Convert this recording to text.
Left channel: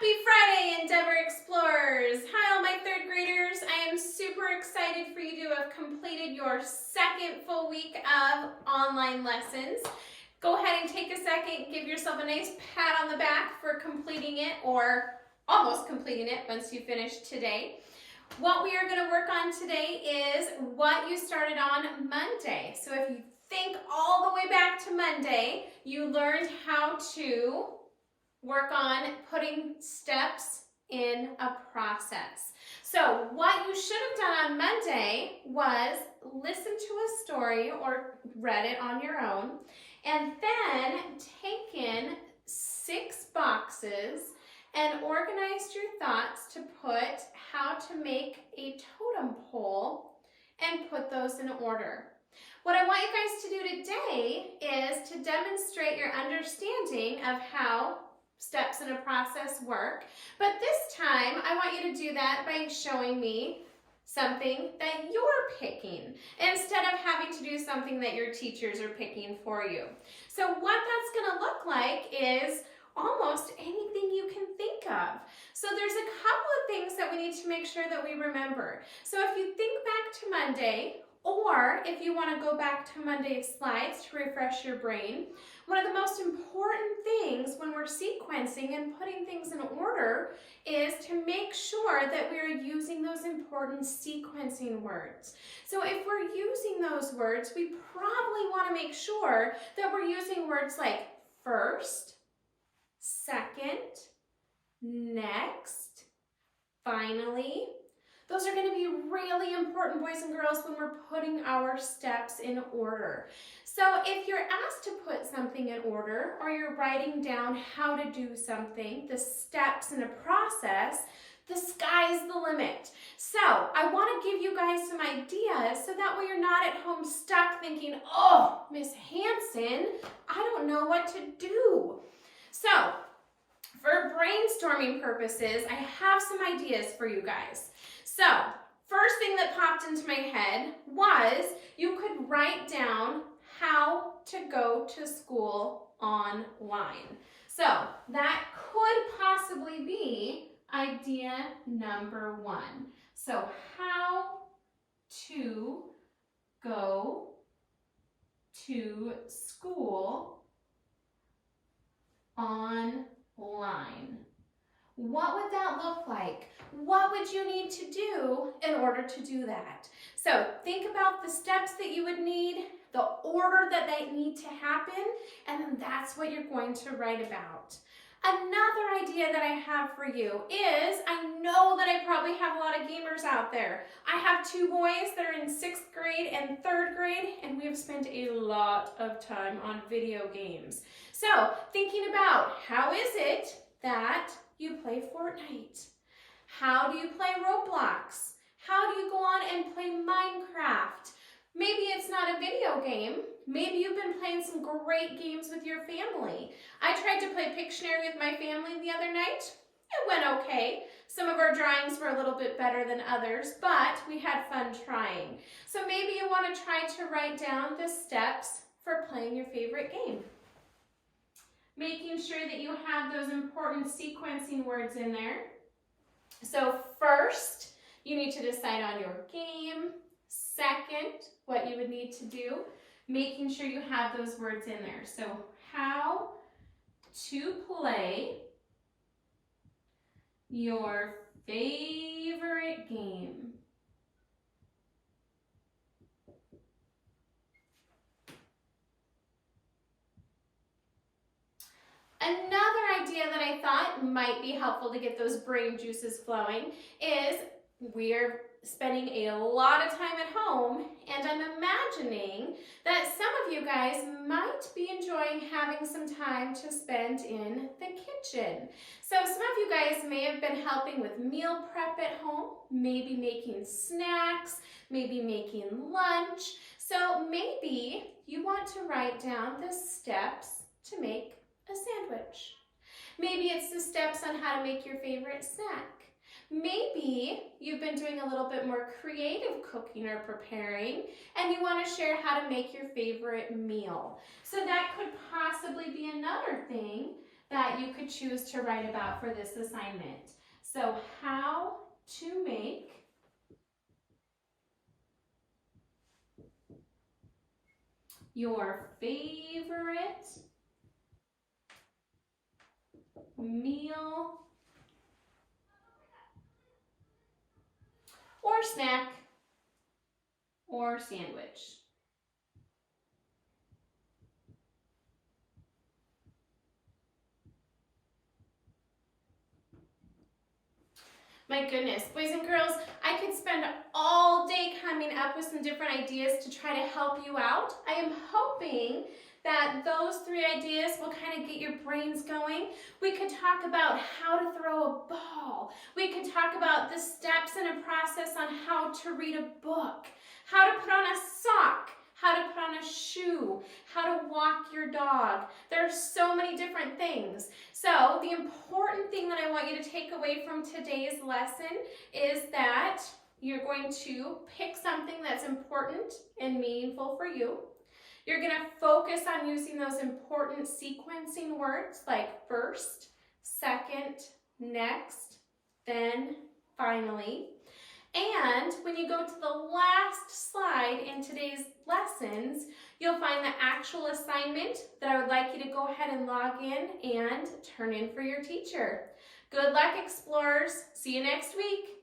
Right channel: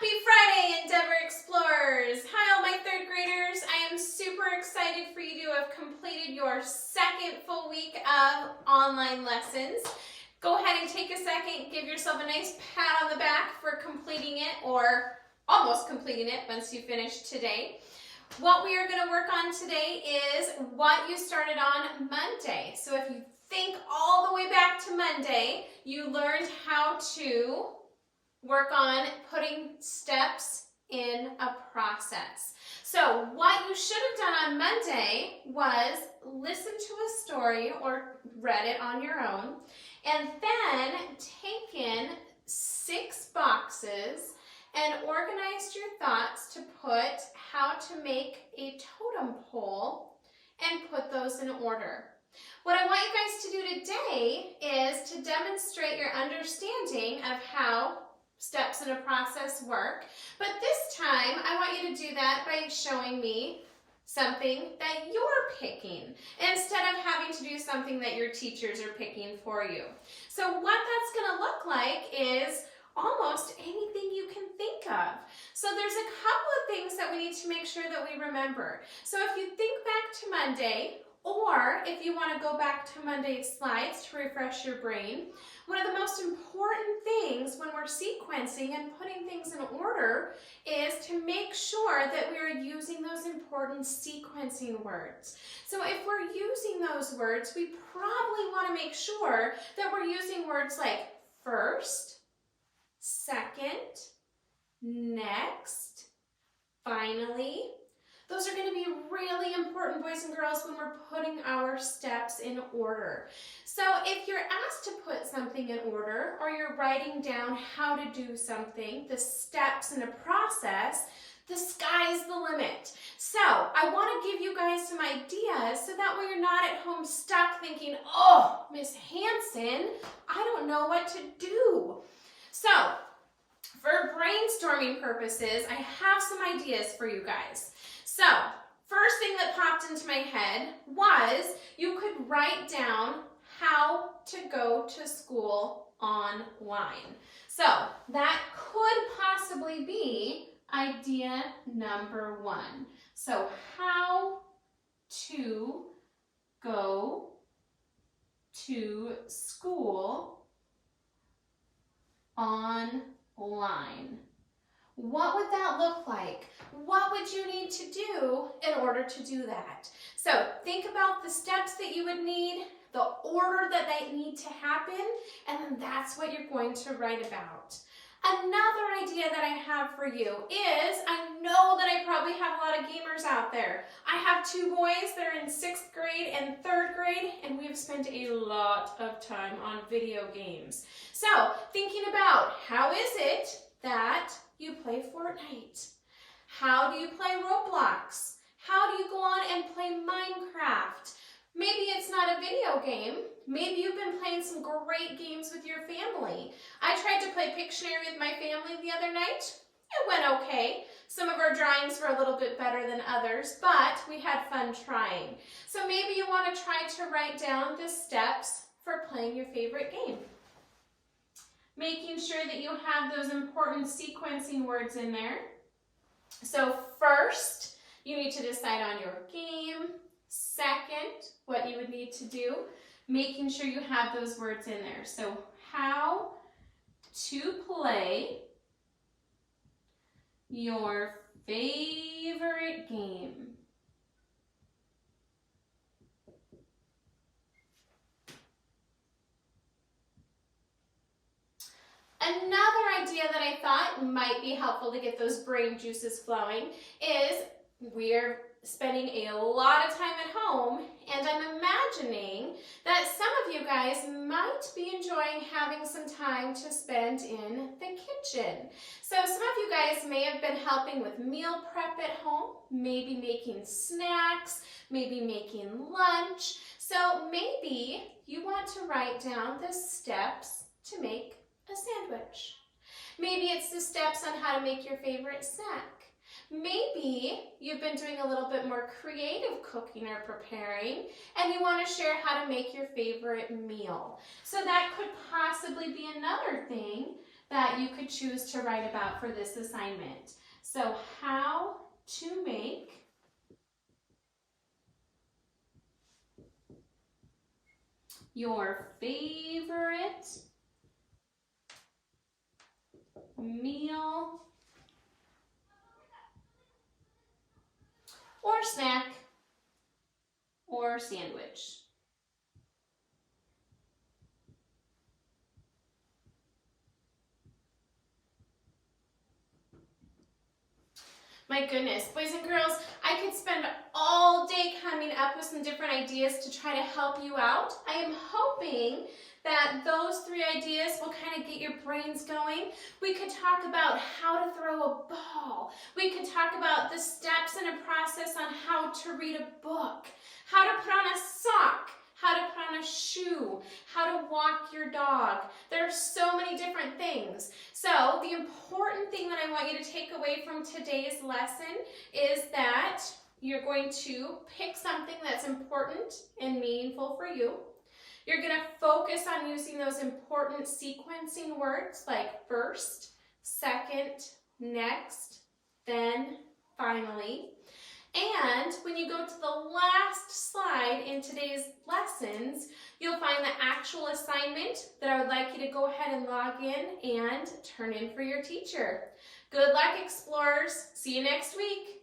Happy Friday, Endeavor Explorers! Hi, all my third graders. I am super excited for you to have completed your second full week of online lessons. Go ahead and take a second, give yourself a nice pat on the back for completing it or almost completing it once you finish today. What we are going to work on today is what you started on Monday. So if you think all the way back to Monday, you learned how to work on putting steps in a process. So what you should have done on Monday was listen to a story or read it on your own, and then taken 6 boxes and organized your thoughts to put how to make a totem pole and put those in order. What I want you guys to do today is to demonstrate your understanding of how steps in a process work, but this time I want you to do that by showing me something that you're picking instead of having to do something that your teachers are picking for you. So what that's going to look like is almost anything you can think of. So there's a couple of things that we need to make sure that we remember. So if you think back to Monday, or if you want to go back to Monday's slides to refresh your brain, one of the most important things when we're sequencing and putting things in order is to make sure that we are using those important sequencing words. So if we're using those words, we probably want to make sure that we're using words like first, second, next, finally. Those are going to be really important, boys and girls, when we're putting our steps in order. So if you're asked to put something in order, or you're writing down how to do something, the steps in a process, the sky's the limit. So I want to give you guys some ideas so that way you're not at home stuck thinking, oh, Miss Hanson, I don't know what to do. So for brainstorming purposes, I have some ideas for you guys. So, first thing that popped into my head was you could write down how to go to school online. So, that could possibly be idea number 1. So, how to go to school online. What would that look like? What would you need to do in order to do that? So think about the steps that you would need, the order that they need to happen, and then that's what you're going to write about. Another idea that I have for you is, I know that I probably have a lot of gamers out there. I have 2 boys that are in 6th grade and 3rd grade, and we have spent a lot of time on video games. So thinking about how is it that you play Fortnite? How do you play Roblox? How do you go on and play Minecraft? Maybe it's not a video game. Maybe you've been playing some great games with your family. I tried to play Pictionary with my family the other night. It went okay. Some of our drawings were a little bit better than others, but we had fun trying. So maybe you want to try to write down the steps for playing your favorite game. Making sure that you have those important sequencing words in there. So first, you need to decide on your game. Second, what you would need to do, making sure you have those words in there. So how to play your favorite game. Another idea that I thought might be helpful to get those brain juices flowing is we're spending a lot of time at home, and I'm imagining that some of you guys might be enjoying having some time to spend in the kitchen. So some of you guys may have been helping with meal prep at home, maybe making snacks, maybe making lunch. So maybe you want to write down the steps to make a sandwich. Maybe it's the steps on how to make your favorite snack. Maybe you've been doing a little bit more creative cooking or preparing, and you want to share how to make your favorite meal. So that could possibly be another thing that you could choose to write about for this assignment. So how to make your favorite meal or snack or sandwich. My goodness, boys and girls, I could spend all day coming up with some different ideas to try to help you out. I am hoping that those 3 ideas will kind of get your brains going. We could talk about how to throw a ball. We could talk about the steps in a process on how to read a book, how to put on a sock, how to put on a shoe, how to walk your dog. There are so many different things. So the important thing that I want you to take away from today's lesson is that you're going to pick something that's important and meaningful for you. You're going to focus on using those important sequencing words like first, second, next, then, finally. And when you go to the last slide in today's lessons, you'll find the actual assignment that I would like you to go ahead and log in and turn in for your teacher. Good luck, explorers. See you next week.